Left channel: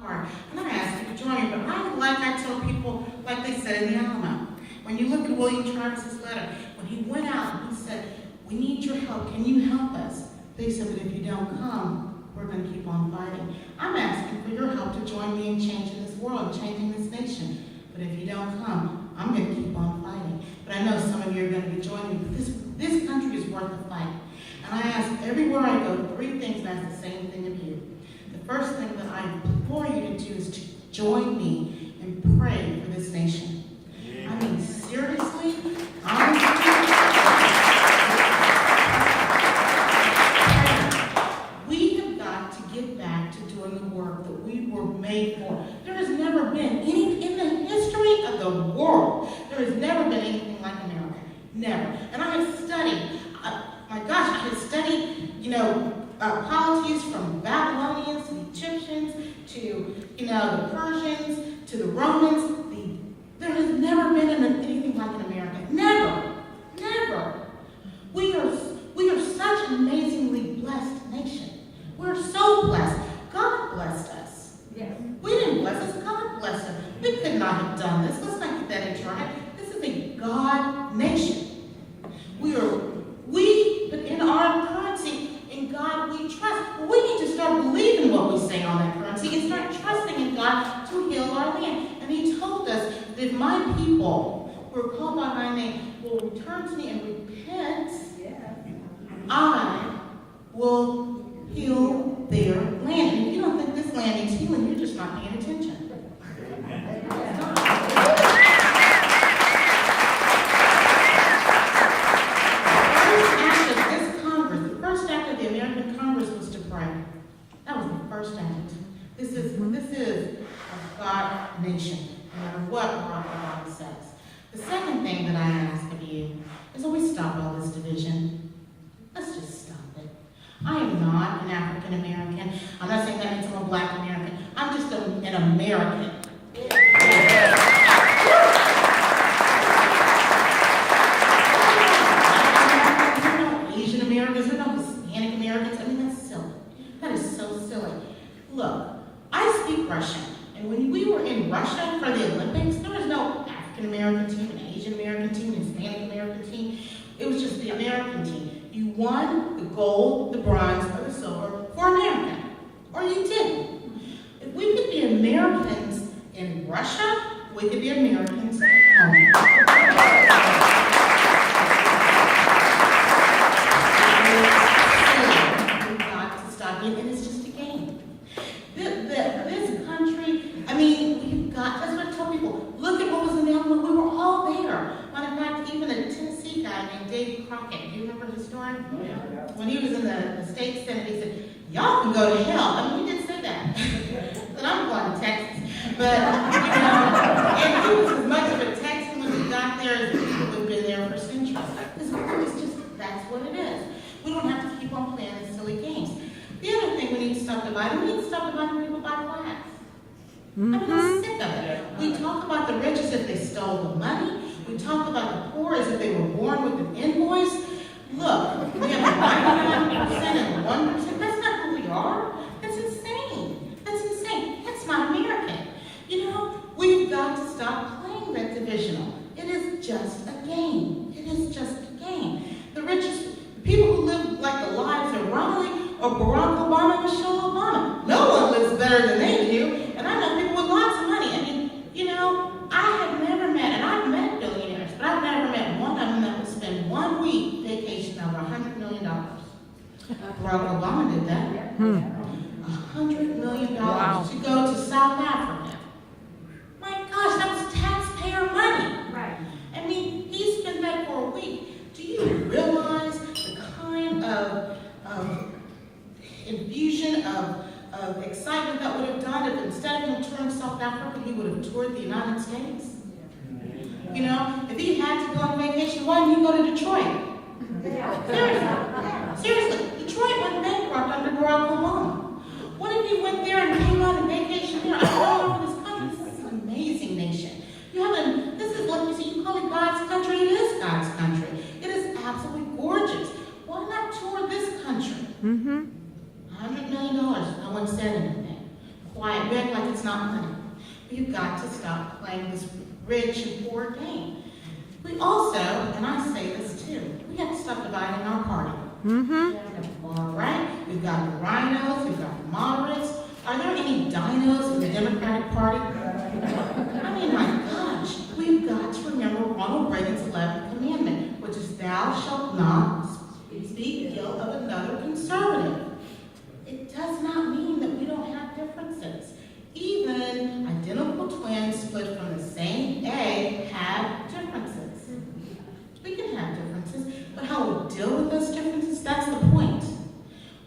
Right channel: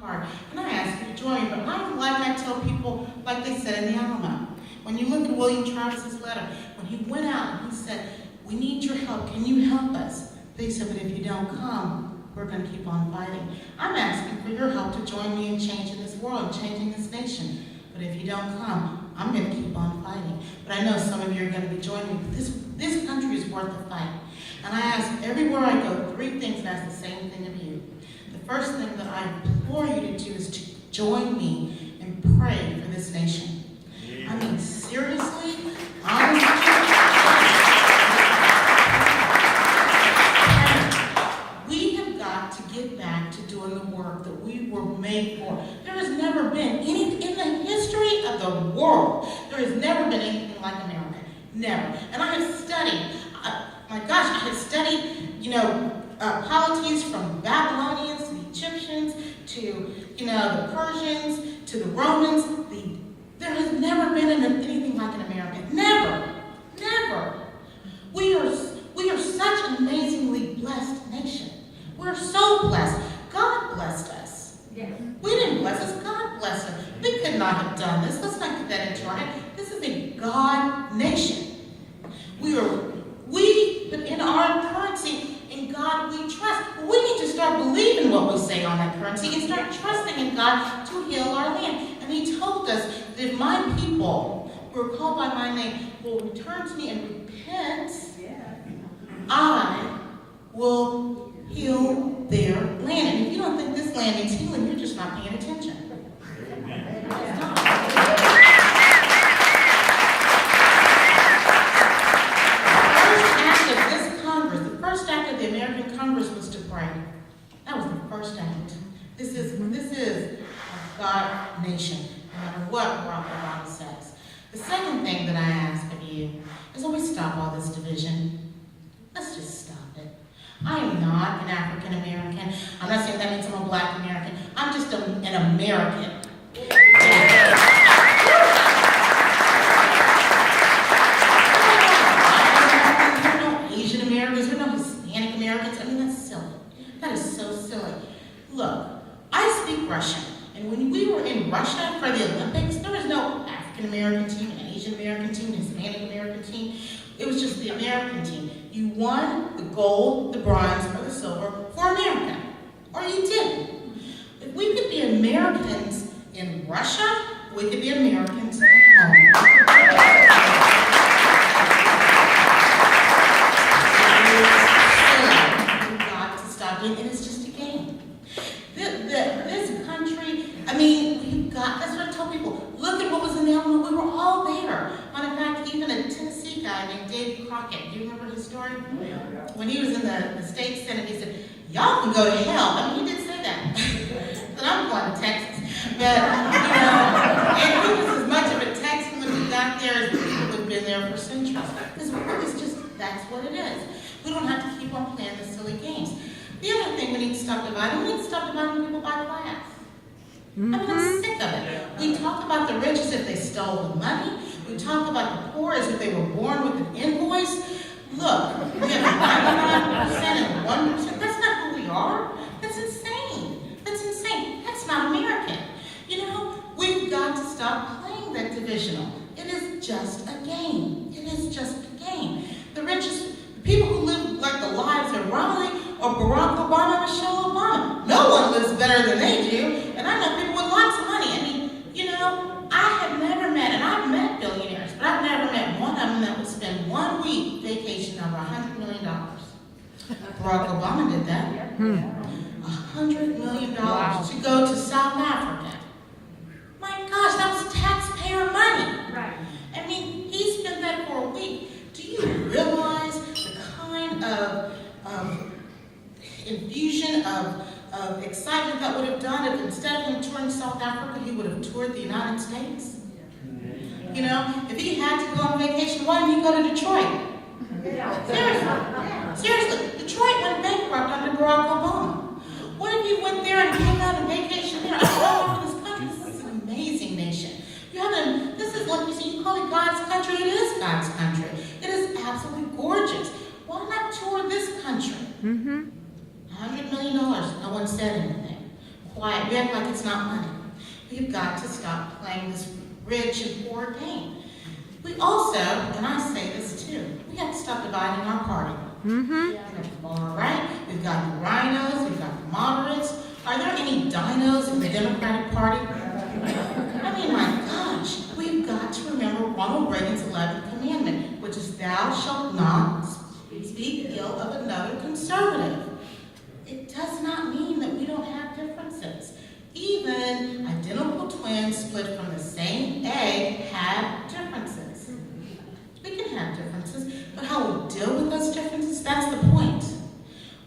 Hard. And I ask you to join me, but like I tell people, like they said in the Alamo, when you look at William Travis's letter, when he went out and he said, "We need your help. Can you help us?" They said, "But if you don't come, we're going to keep on fighting." I'm asking for your help to join me in changing this world, changing this nation. But if you don't come, I'm going to keep on fighting. But I know some of you are going to be joining me. This country is worth the fight. And I ask everywhere I go, three things, and ask the same thing of you. The first thing that I implore you to do is to join me and pray for this nation. I mean, seriously, we have got to get back to doing the work that we were made for. There has never been any, in the history of the world, there has never been anything like America. Never. And I have studied, my gosh, I have studied, polities from Babylonians to the Egyptians to, the Persians to the Romans. There has never been anything like in America. Never. Never. We are such an amazingly blessed nation. We're so blessed. God blessed us. Yeah. We didn't bless us. God blessed us. We could not have done this. Let's not get that into our head. This is a God nation. But in our currency, in God we trust. But we need to start believing what we say on that currency and start trusting in God to heal our land. And he told us that if my people who are called by my name will return to me and repent, I will heal their land. And if you don't think this land needs healing, you're just not paying attention. The first act of the American Congress was to pray. That was the first act. This is a God nation, no matter what Barack Obama says. The second thing that I ask of you is always stop all this division. Let's just stop it. I am not an African American. I'm not saying that means I'm a Black American. I'm just an American. Asian Americans, we're not Hispanic Americans. I mean, that's silly. That is so silly. Look, I speak Russian, and when we were in Russia for the Olympics, there was no African American team, an Asian American team, an Hispanic American team. It was just the American team. You won the gold, the bronze, or the silver for America, or you didn't. If we could be Americans in Russia, we could be Americans at home. And it's just a game. This country, I mean, that's what I tell people. Look at what was in the Alamo. We were all there. Matter of fact, even a Tennessee guy named Dave Crockett, do you remember his story? Yeah. When he was in the state senate, he said, "Y'all can go to hell." I mean, he did say that. And I'm going to Texas. But, and he was as much of a Texan when he got there as the people who have been there for centuries. That's what it is. We don't have to keep on playing these silly games. The other thing we need to stop dividing, we need to stop dividing people by class. I mean, I'm sick of it. We talk about the rich as if they stole the money. We talk about the poor as if they were born with an invoice. Look, we have 99% and 1%. That's not who we are. That's insane. That's insane. That's not American. We've got to stop playing that divisional. It is just a game. It is just a game. The richest, the people who live like the lives of Romney or Barack Obama, Michelle Obama. No one lives better than they do, and I know people with lots of money. I mean, I have never met, and I've met billionaires, but I've never met one of them that would spend 1 week vacation over $100 million. Barack Obama did that. $100 million to go to South Africa. My gosh, that was taxpayer money. Right. I mean, he spent that for a week. Do you realize the kind of infusion of excitement that would have done if instead of him touring South Africa, he would have toured the United States? If he had to go on vacation, why didn't he go to Detroit? Seriously, Detroit went bankrupt under Barack Obama. What if he went there and came out on vacation there? I don't know this country. This is an amazing nation. This is what you call it God's country. It is God's country. It is absolutely gorgeous. Why not tour this country? $100 million. No one said anything. quiet. We act like it's not money. We've got to stop playing this rich and poor game. We also, and I say this too, we have to stop dividing our party. All right? We've got the rhinos, we've got the moderates. Are there any dinos in the Democratic Party? I mean, my gosh, we've got to remember Ronald Reagan's 11th commandment, which is thou shalt not speak ill of another conservative. It does not mean that we don't have differences. Even identical twins split from the same egg have differences. We can have differences, but how we deal with those differences, that's the point.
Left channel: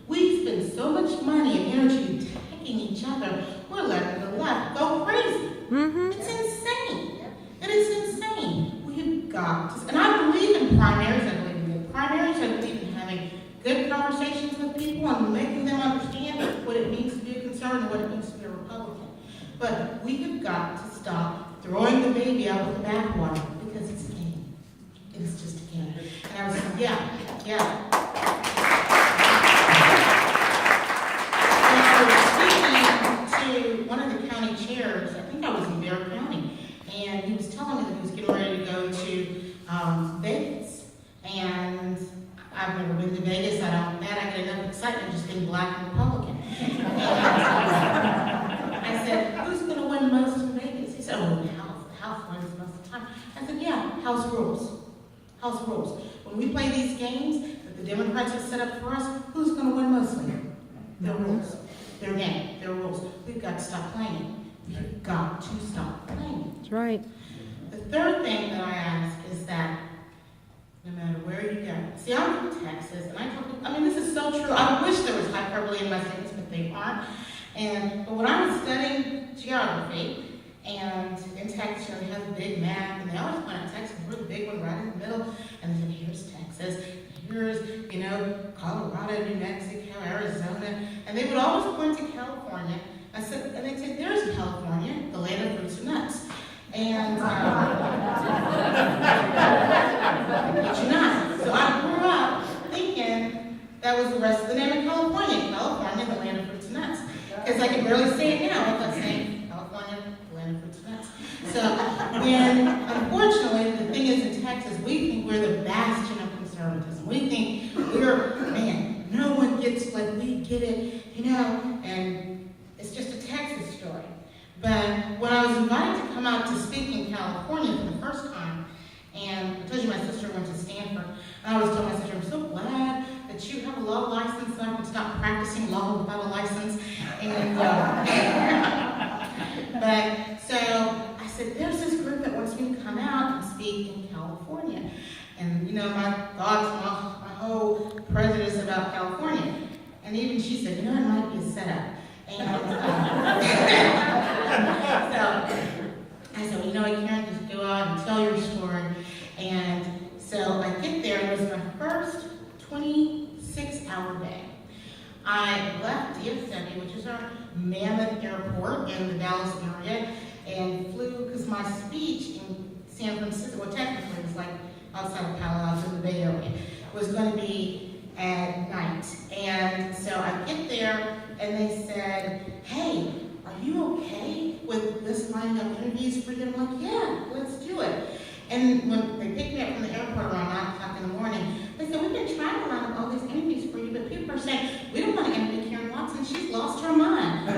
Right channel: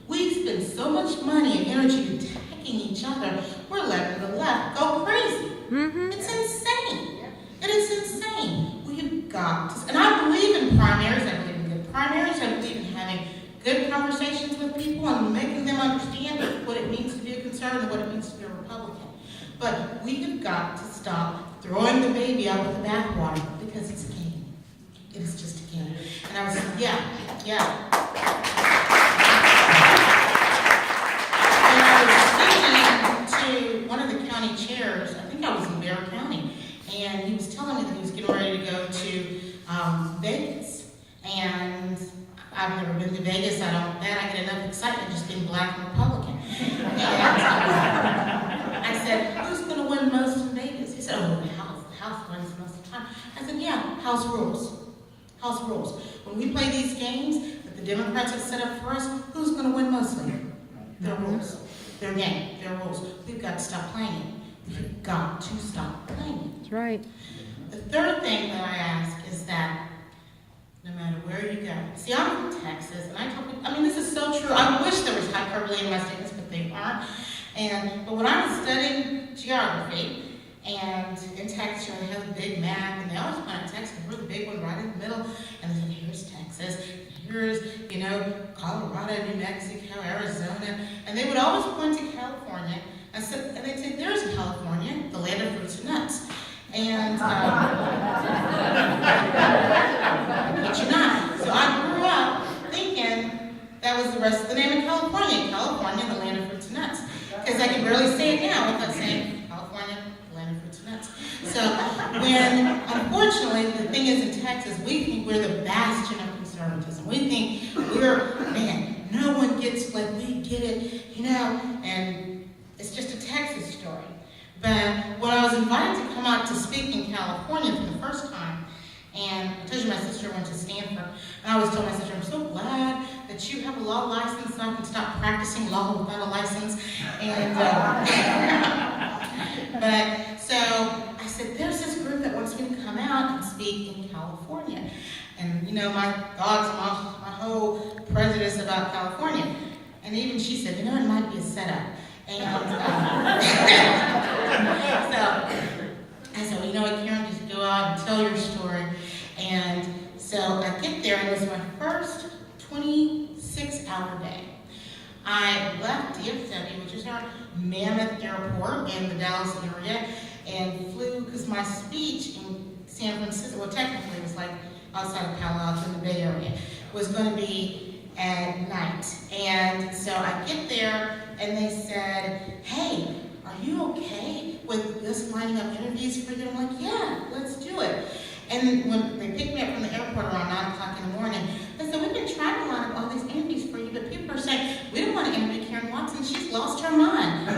We spend so much money and energy attacking each other, we're letting the left go crazy. It's insane. It is insane. We've got to, and I believe in primaries, I believe in good primaries, I believe in having good conversations with people and making them understand what it means to be a conservative and what it means to be a Republican. But we have got to stop throwing the baby out with the bathwater because it's a game. It is just a game. And I was like, yeah. And I was speaking to one of the county chairs, I think I was in Bear County, and he was telling me that he was getting ready to go to Vegas. And I've never been to Vegas. I get enough excitement just being black and Republican. And I said, who's going to win most in Vegas? He said, oh, the House wins most of the time. I said, yeah, House rules. House rules. When we play these games that the Democrats have set up for us, who's going to win mostly? Their rules. Their game. Their rules. We've got to stop playing it. We've got to stop playing it. That's right. The third thing that I ask is that no matter where you go. See, I'm from Texas, and I tell people, I mean, this is so true. I wish there was hyperbole in my statements, but they aren't. But when I was studying geography, and in Texas, they have a big map, and they always point out Texas, we're the big one right in the middle, and they said, here's Texas, here's, Colorado, New Mexico, Arizona, and they would always point to California. And they'd say, there's California, the land of fruits and nuts. And, but you're not. So I grew up thinking that was the rest of the name of California. California, the land of fruits and nuts. Because I can barely say it now without saying California, the land of fruits and nuts. So when, unfortunately, the thing is in Texas, we think we're the bastion of conservatism. We think no one gets like we get it, and it's just a Texas story. But when I was invited to come out to speak in California for the first time, and I told you my sister went to Stanford, and I was telling my sister, I'm so glad that you have a law license so I can stop practicing law without a license. And but so I said, there's this group that wants me to come out and speak in California. And my thoughts, my whole prejudice about California. And even she said, it might be a setup. And so I said, Karen, just go out and tell your story. And so I get there, and it was my first 26-hour day. I left DFW, which is our mammoth airport in the Dallas area, and flew, because my speech in San Francisco, well, technically it was like outside of Palo Alto in the Bay Area, was going to be at night. And so I get there, and they said, hey, are you okay with us lining up interviews for you? I'm like, yeah, let's do it. And when they picked me up from the airport around 9 o'clock in the morning, they said, we've been trying to line up all these interviews for you, but people are saying, we don't want to interview Karen Watson, she's lost her mind.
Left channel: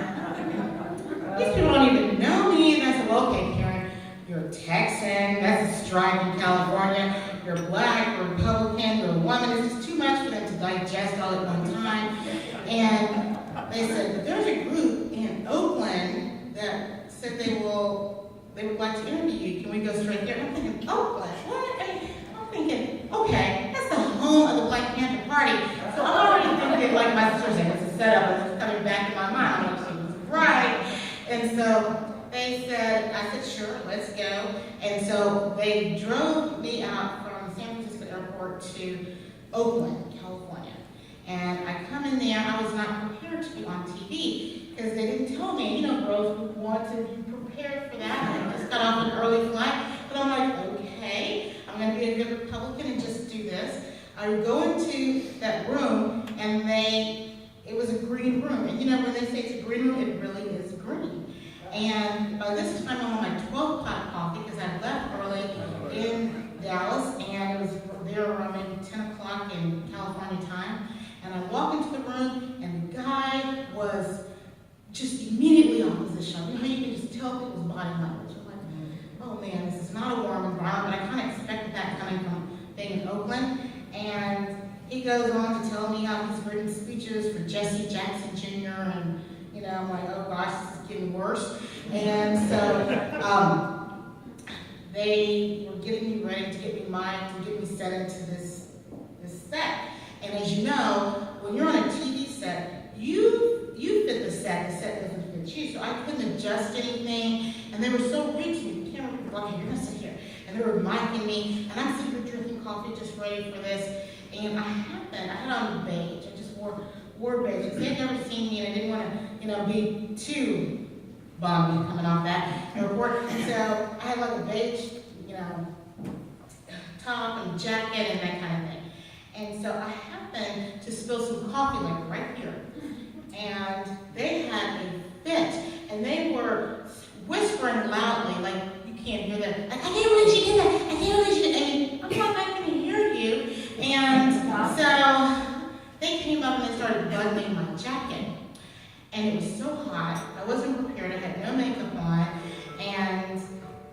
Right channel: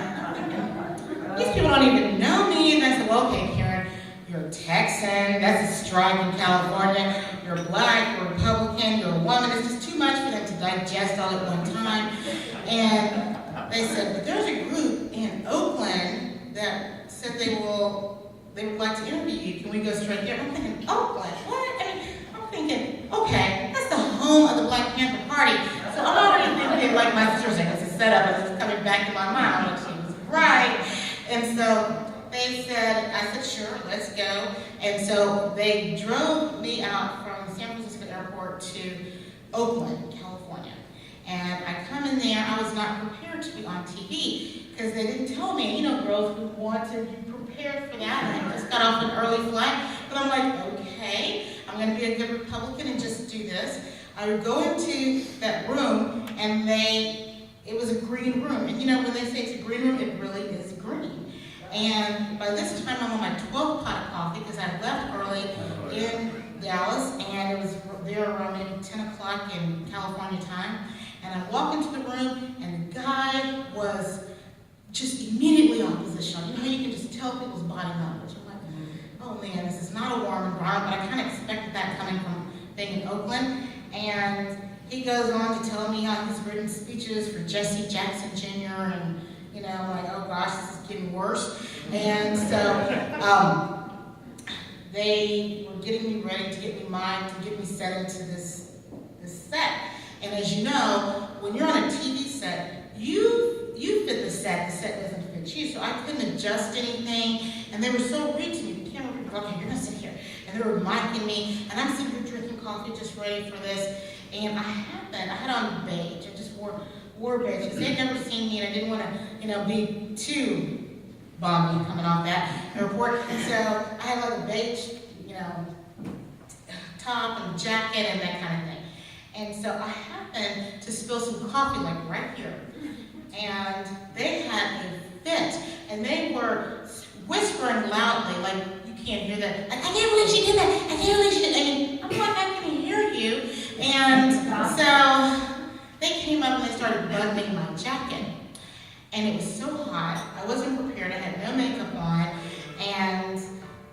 These people don't even know me. And I said, well, okay, Karen, you're a Texan, that's a strike in California, you're black, you're Republican, you're a woman, it's just too much for them to digest all at one time. And they said, but there's a group in Oakland that said they would like to interview you. Can we go straight there? I'm thinking, Oakland, what? I'm thinking, okay, that's the home of the Black Panther Party. So I'm already thinking, like my sister said, it's a setup, and it's coming back to my mind. Like she was right. And so they said, I said, sure, let's go. And so they drove me out from San Francisco Airport to Oakland, California. And I come in there, I was not prepared to be on TV because they didn't tell me, girls would want to be prepared for that. And I just got off an early flight, but I'm like, okay, I'm going to be a good Republican and just do this. I would go into that room, and it was a green room. And when they say it's a green room, it really is green. green. And by this time, I'm on my 12th pot of coffee because I left early in Dallas, and it was there around maybe 10 o'clock in California time. And I walk into the room, and the guy was just immediately oppositional. You know how you can just tell people's body language. I'm like, oh man, this is not a warm environment, but I kind of expected that coming from being in Oakland. And he goes on to tell me how he's written speeches for Jesse Jackson Jr. and I'm like, oh gosh, this is getting worse. And so they were getting me ready to get me mimed, to get me set into this set. And as you know, when you're on a TV set, you fit the set doesn't fit you. So I couldn't adjust anything. And they were so rude to me. The camera people were like, okay, you're gonna sit here. And they were micing me, and I'm sitting here drinking coffee, just ready for this. And I had on beige. I just wore beige because they'd never seen me, and I didn't want to, be too balmy coming off that airport. And so I had like a beige, top and jacket and that kind of thing. And so I happened to spill some coffee like right here. And they had a fit, and they were whispering loudly, like you can't hear that. I can't believe she did that. I can't believe she did that. And I'm like, I can hear you. And so they came up and they started buttoning my jacket. And it was so hot. I wasn't prepared. I had no makeup on. And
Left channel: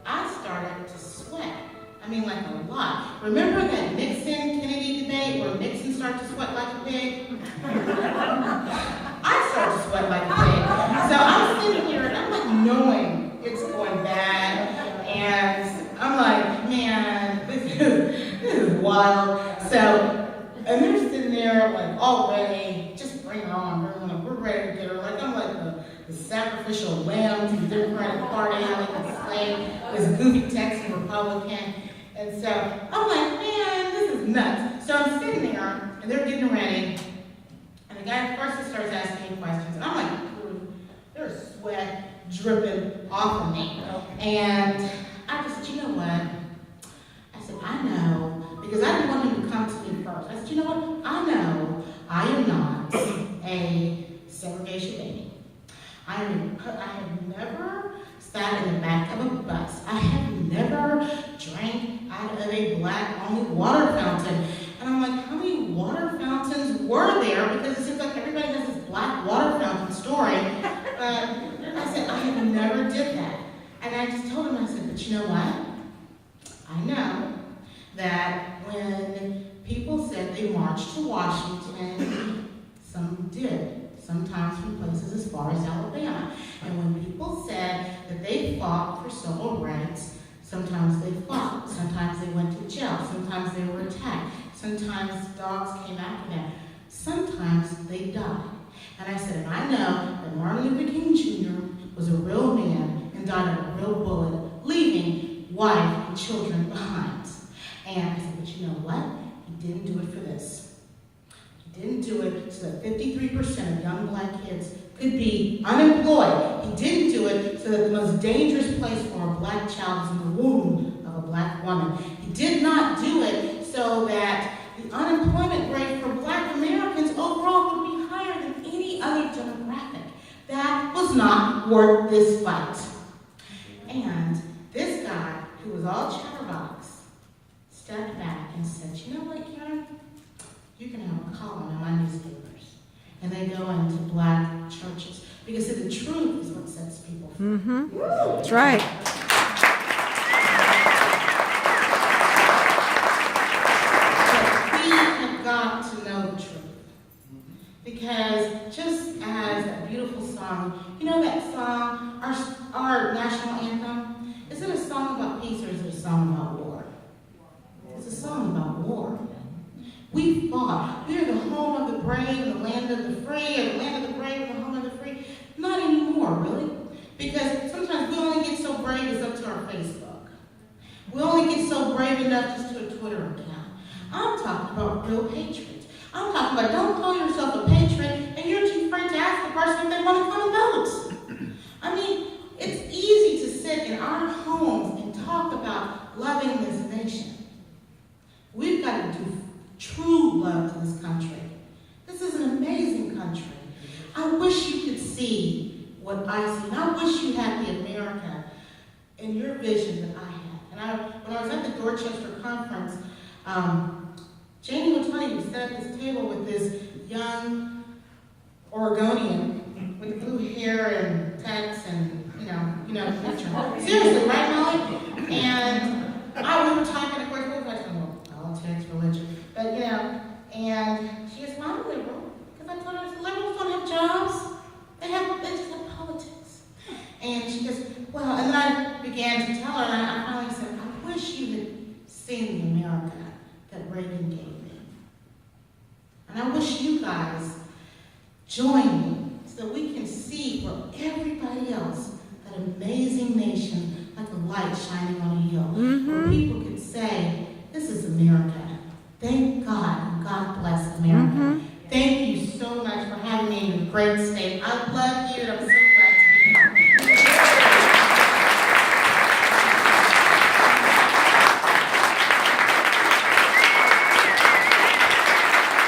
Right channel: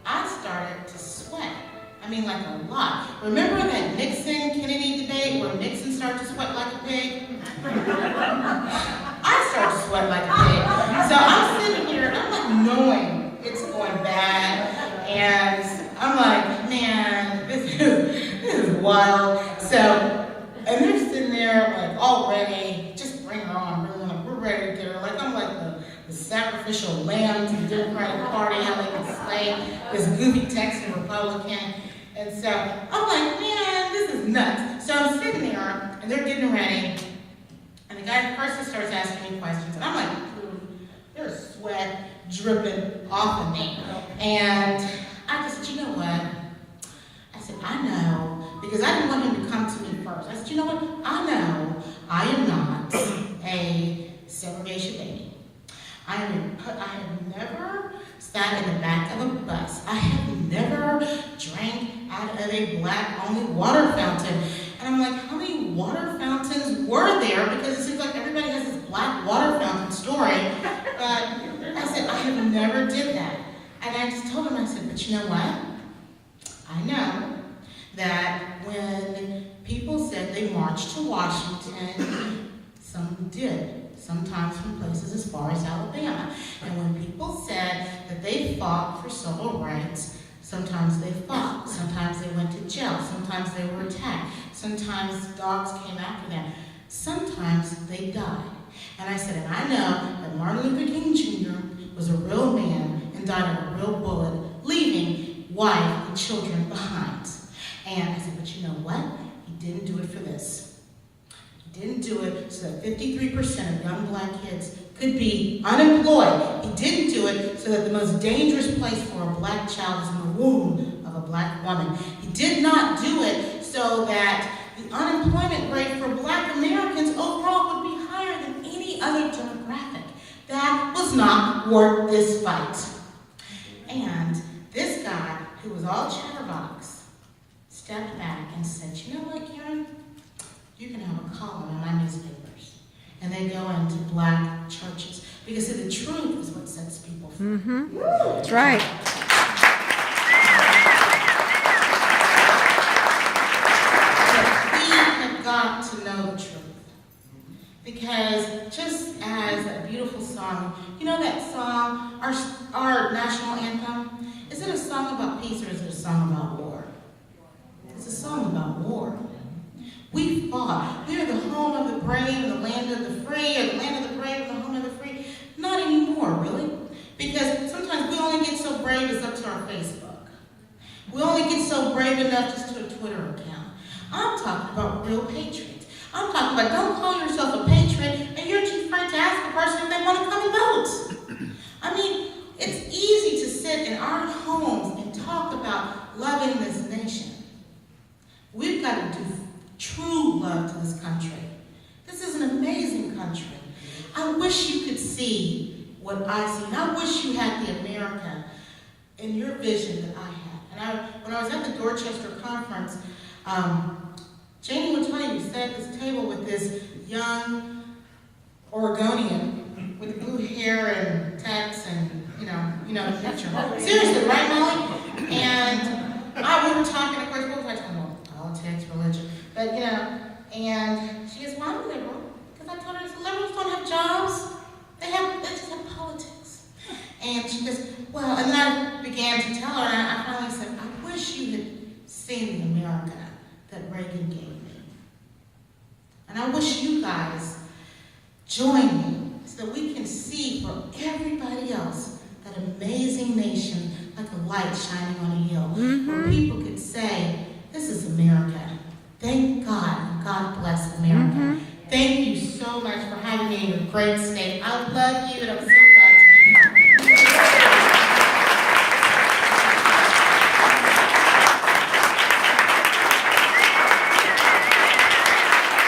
I started to sweat. I mean, like a lot. Remember that Nixon-Kennedy debate where Nixon started to sweat like a pig? I started to sweat like a pig. So I'm sitting here, and I'm like knowing it's going bad. And I'm like, man, this is wild. So, and they're sitting there like all ready, just bring her on, we're ready to get her. Like I'm like the sacrificial lamb to the Democratic Party, how they can slay this goofy Texan Republican. And so I'm like, man, this is nuts. So I'm sitting there, and they're getting ready, and the guy first he starts asking me questions, and I'm like, there's sweat dripping off of me. And I just said, you know what? I said, I know, because I didn't want him to come to me first. I said, you know what? I know I am not a segregation baby. I have never sat in the back of a bus. I have never drank out of a black-only water fountain. And I'm like, how many water fountains were there? Because it seems like everybody has this black water fountain story. But I said, I have never did that. And I just told him, I said, but you know what? I know that when people said they marched to Washington, some did. Sometimes from places as far as Alabama. And when people said that they fought for civil rights, sometimes they fought, sometimes they went to jail, sometimes they were attacked, sometimes dogs came after them, sometimes they died. And I said, and I know that Martin Luther King Jr. was a real man and died of a real bullet, leaving wife and children behind. And I said, but you know what? He didn't do it for this. Didn't do it so that 53% of young black kids could be unemployed. He didn't do it so that the most dangerous place for a black child is in the womb of a black woman. He did not do it so that the unemployment rate for black Americans overall would be higher than any other demographic. That was not worth this fight. And this guy, who was all chatterbox, stepped back and said, you know what, Karen? You can have a column in my newspapers. And they go into black churches. Because see, the truth is what sets people free. Mm-hmm. That's right. But we have got to know the truth. Because just as a beautiful song, you know that song, our national anthem? Is it a song about peace or is it a song about war? It's a song about war. We fought. We are the home of the brave and the land of the free, or the land of the brave and the home of the free. Not anymore, really. Because sometimes we only get so brave it's up to our Facebook. We only get so brave enough just to a Twitter account. I'm talking about real patriots. I'm talking about don't call yourself a patriot and you're too afraid to ask the person if they want to come and vote. I mean, it's easy to sit in our homes and talk about loving this nation. We've got to do true love to this country. This is an amazing country. I wish you could see what what I see. And I wish you had the America in your vision that I had. And when I was at the Dorchester conference, Janie will tell you, we sat at this table with this young Oregonian with blue hair and tats and, you know the picture. Seriously, right, Molly? And we were talking, of course, what was I talking about? Politics, religion. But, and she goes, well, I'm liberal. Because I told her, liberals don't have jobs. They just have politics. And she goes, well, and then I began to tell her, and I finally said, I wish you had seen the America that Reagan gave me. And I wish you guys join me so that we can see for everybody else that amazing nation like a light shining on a hill. Where people could say,